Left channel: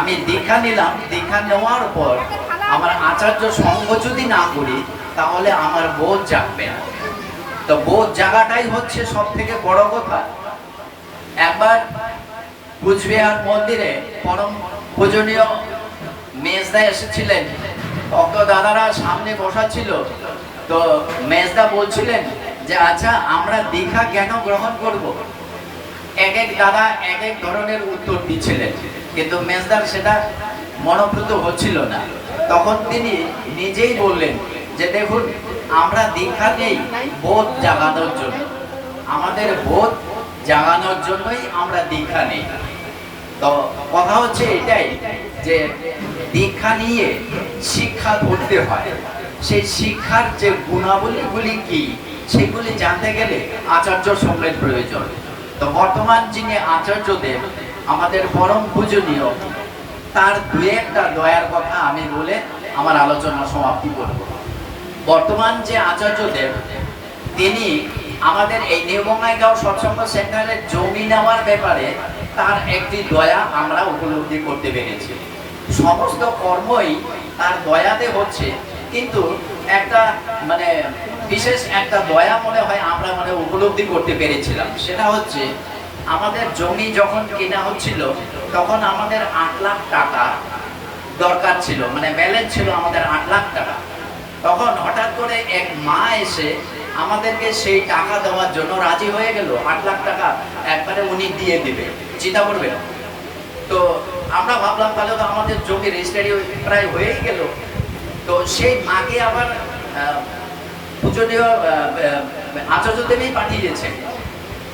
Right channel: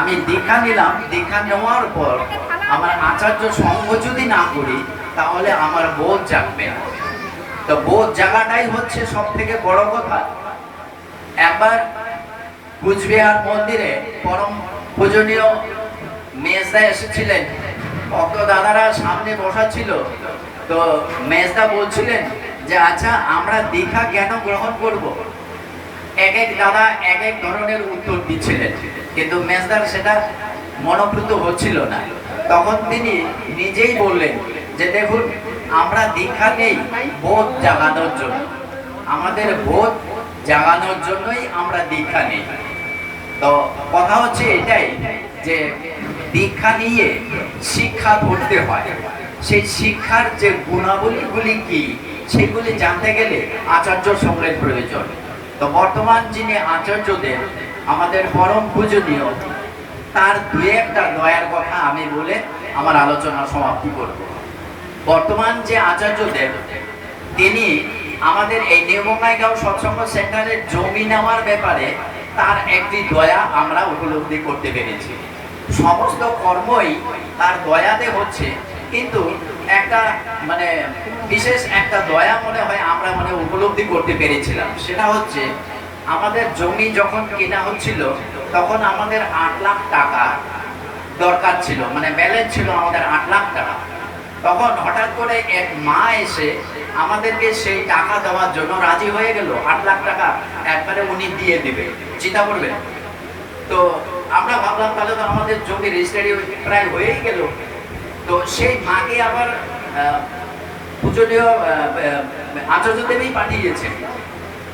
আমি দীক্ষা নিলাম, দীক্ষা নেওয়ার পর আমার আচার্য সঙ্গ যদি না করি তাহলে আমার বোধ জাগবে না। তো বোধ জাগাটাই হচ্ছে সব থেকে বড় কথা। একবার কুচবিহার মন্দিরে পরম পূজনীয় মেজদা এসেছিলেন, ভক্ত দাদারা সামনে বসা ছিল। তো মেজদা বলছিলেন যে আচ্ছা আমরা দীক্ষা কেন গ্রহণ করব। এক এক দাদা এক এক ধরনের উত্তর দিচ্ছিলেন, কিন্তু মেজদার সেটা মনোভূত হচ্ছিল না। তখন তিনি নিজেই বললেন যে দেখুন, আমরা দীক্ষা নেই বোধ জাগানোর জন্য, আমাদের বোধ জাগানোর জন্যই আমরা দীক্ষা নেই। তো কথা হচ্ছে এটাই যে দীক্ষা নিয়ে শিক্ষা ধরতে হয়, সেই শিক্ষার যে গুণাবলীগুলি কি সেগুলি জানতে গেলে আচার্য সঙ্গের প্রয়োজন। তো বর্তমান যিনি আচার্যদেব আমাদের পরম পূজনীয়, তার দুই একটা দয়ার কথা আমি বলে আমার আলোচনা সমাপ্তি করব। বর্তমান যে আচার্যদেব তিনি আমাদের এই নিউ বঙ্গাইগাঁও সৎসঙ্গ সেন্টারের জমি নেওয়ার ব্যাপারে তার একটি দয়া আমরা উপলব্ধি করতে পেরেছি। সমস্ত কর্মই তার দয়াতে হচ্ছে, কিন্তু একটা বিশেষ একটা দয়া মনে হয় আমরা উপলব্ধি করতে পেরেছিলাম। সেটা হচ্ছে আমাদের জমি যখন কেনা হচ্ছিল তখন আমাদের 8 লাখ টাকা দরকার ছিল, ব্যালেন্স ছিল আমাদের 8 লাখ টাকা। তখন হঠাৎ করে এক মা এসে আমাদেরকে সেই টাকা দেওয়ার জন্য রাজি হয়ে গেল। 8 লাখ টাকা একবারে উনি দিয়ে দিবে, চিন্তা করবেন। তো আমরা ভাবলাম তাহলে তো আমাদের জমি রেজিস্ট্রি প্রায় হয়েই গেল। তো সেই মাকে আবার পূজনীয় আচার্যদেবই পাঠিয়েছে।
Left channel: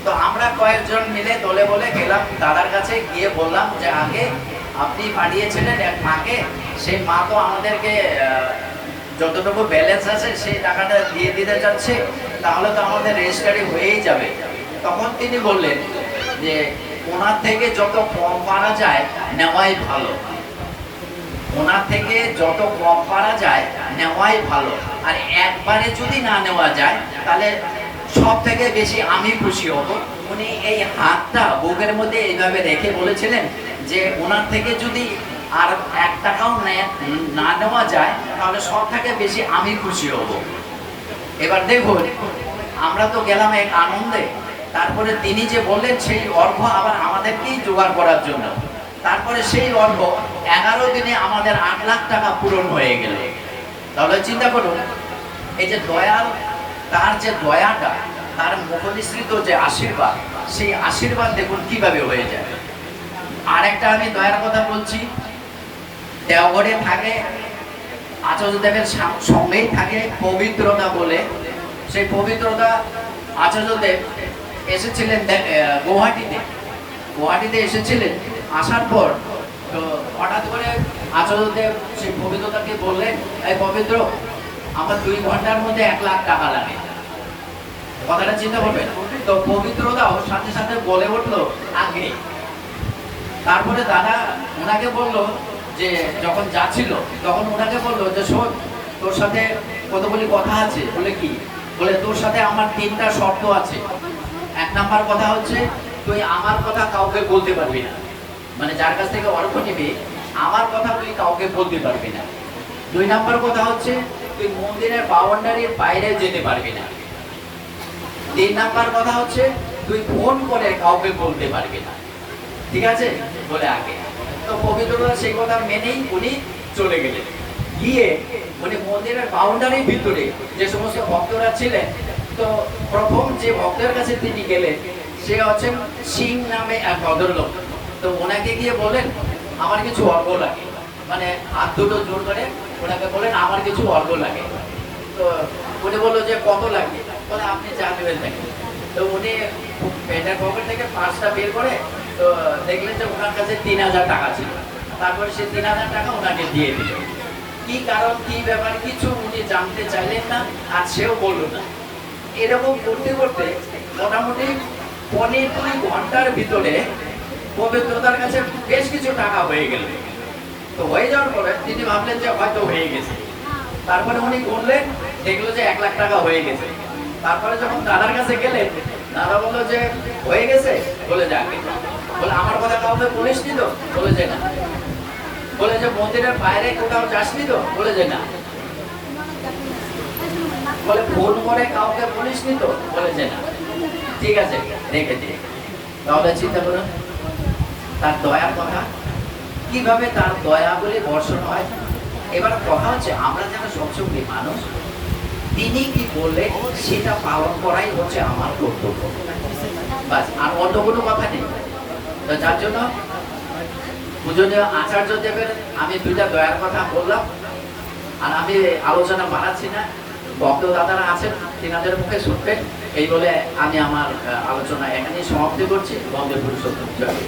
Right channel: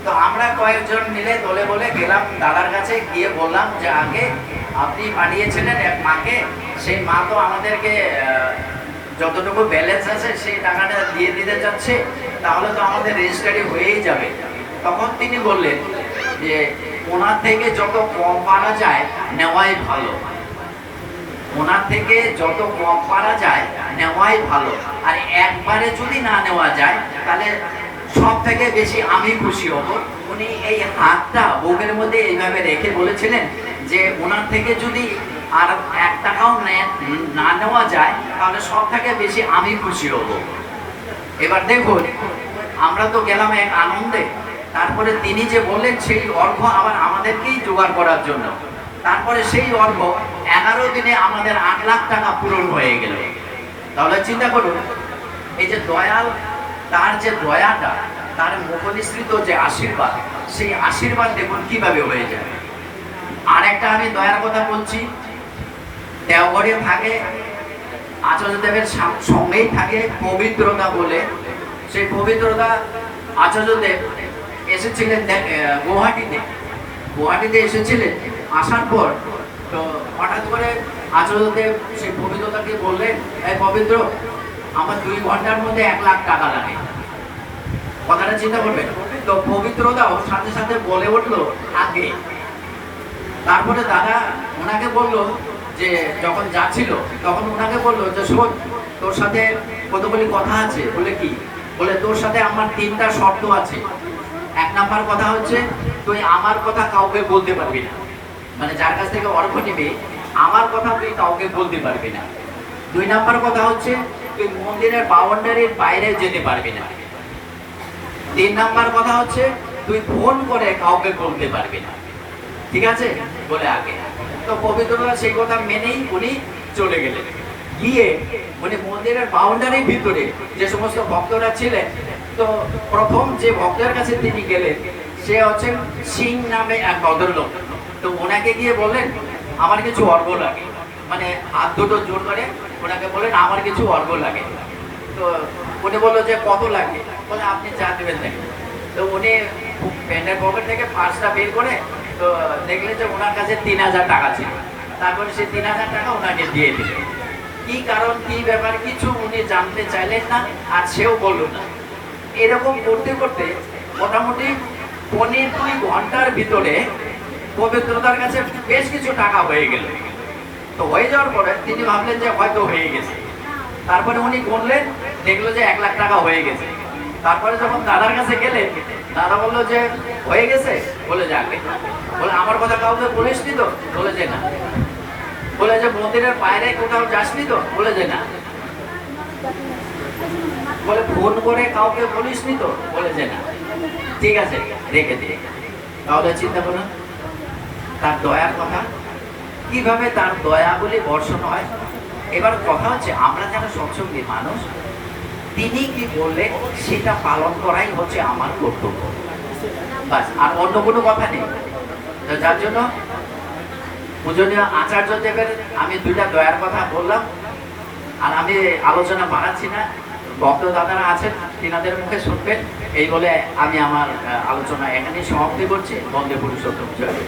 তো আমরা কয়েকজন মিলে দলে বলে গেলাম দাদার কাছে, গিয়ে বললাম যে আগে আপনি পাঠিয়েছিলেন এক মাকে, সেই মা তো আমাদেরকে যতটুকু ব্যালেন্স আছে সেই টাকাটা দিয়ে দিতে যাচ্ছে, তাহলে তো আমাদের রেজিস্ট্রি হয়েই যাবে। তখন তিনি বললেন যে ওনার থেকে যত কম পারা যায় নেওয়াই ভালো, ওনার থেকে যত কম পারা যায় নেওয়াই ভালো, আর একবারে যদি না নেওয়া যায় তাহলে সব থেকে বেশি আমি খুশি হব। উনি এই হাতটা বুকের মধ্যে এইভাবে রেখে বলেছিলেন যে ওনার থেকে যদি আর 1 টাকাও না নেওয়া যায় তাহলে সব থেকে বেশি আমি খুশি হব। এবার দেখুন, আমরা তো গেলাম এক আনন্দে, তারপরে তিনি যে বললেন সেই অর্ঘ্য আবার আমাদেরকেই জোগাড় করার জন্য। তারপরে সেই অর্ঘ্য 11 দিনে আমাদের 8 লাখ টাকা পূরণ হয়ে গেল। তাহলে চিন্তা করুন, এই যে দয়াল, তার যে দয়াটা, তার মুখনিসৃত যে আশীর্বাদ, সেই আশীর্বাদ দেখুন কিভাবে হয়ে যাবে। আর একটা আমি দয়ার কথা বলছি, দেওঘরে থাকে আচার্যদেবের সঙ্গেই থাকে পবিত্রতা বলে। সেই পবিত্রতা আচার্যদেব এসেছিলেন গুয়াহাটিতে এসেছিলেন। আসার পর তো হঠাৎ করে আচার্যদেব সেই পবিত্রতাকে বললেন, এই পবিত্র, আমার 2 ঘন্টার মধ্যে 1 লাখ টাকা লাগে। কথাটা চিন্তা করবেন। তো পবিত্রতাও সাথে সাথে বলে উঠলো আগে। তারপরে দাদা ওনাকে বললো যে যখন যাচ্ছিল তখন ওনাকে বললো যে শোন, তোর সাথে কতগুলি কথা আছে। বলে কি? বলে তোর সাথে আমার 3টা শর্ত আছে। 1 নাম্বার কথা হচ্ছে তুই আমার কথা কাউকে বলতে পারবি না, যার কাছ থেকে অর্ঘ্য নিবি আমার কথা তুই কাউকে বলতে পারবি না। 2 নাম্বার কথা হচ্ছে তুই মন্দিরের বাউন্ডারির বাইরে যেতে পারবি না। 3 নাম্বার কথা হচ্ছে তুই ফোন করে কাউকে বলতে পারবি না। ঠিক আছে বলে আগে। তো পবিত্ররা সেই কথা মেনেই উনি চলে গেলেন। গিয়ে উনি মন্দিরের বাউন্ডারির ভিতরে যে সমস্ত ভক্তরা ছিলেন, তো প্রথম যে ভক্তের কাছে তিনি গেলেন সে হচ্ছেন সিং নামে এক ভদ্রলোক। তো ওনাকে গিয়ে বললেন আমার কিছু অর্ঘ্য লাগে, হাত দুটো জোর করে ওনাকে বললেন আমার কিছু অর্ঘ্য লাগে। তো উনি বললো যে কত লাগবে? বলে আপনি যা দেবেন দেখেন। তো উনি প্যান্টের পকেট থেকে পার্সটা বের করে তো দেখলেন যে ওনার কাছে 3000 টাকা ছিল। তারপরে সেই 3000 টাকা ওনাকে দিয়ে দিলেন। কি কারণ, কি ব্যাপার, কিছু উনি জানতে চাইলেন না, আর সেও বলল না। এরকম করতে করতে মোটামুটি 1.5 ঘন্টার ভিতরে পবিত্রতার কাছে বেশ কিছু টাকা হয়ে গেল। তো হয়ে যাওয়ার পরে তিনি ভাবলেন যে হয়তো হয়ে গেছে। তারপরে উনি বললেন, দেখলো যে 1 লাখ টাকা হয়ে গেছে। তারপরে যখন দাদার কাছে গেলেন, দাদা বললো যে হয়ে গেছে। বলে যাবে। বলে আমার কথা কাউকে বলিসনি তো? বলে যে না। বলে যে মন্দিরের বাইরে কোথাও যাসনি তো? বলে যে না। বলে ফোন করে কাউকে বলিসনি তো? বলে যে না। ঠিক আছে, রেখে দিয়ে। তাহলে চিন্তা করুন তার দয়ার কথা, কিভাবে তার দয়া বলে বর্ষণ হয়। এবার কথা হচ্ছে আমরা যেন সৎসঙ্গী মানুষ, তিনি কি বললে সেটা পালন করাই হচ্ছে আমার কর্তব্য, বাস, আর অন্য কোনো কথা নেই। তো যার জন্য পূজনীয় আচার্য দেবের আমি দুইটা দয়ার কথা বললাম, আর আমি আলোচনা বাড়াচ্ছি না, ভক্ত দাদারা আছেন তিনাদের মুখে শুনবেন, এই বলে আমি আমার আলোচনা এখানে সমাপ্তি করছি। বন্দে পুরুষোত্তম জয়।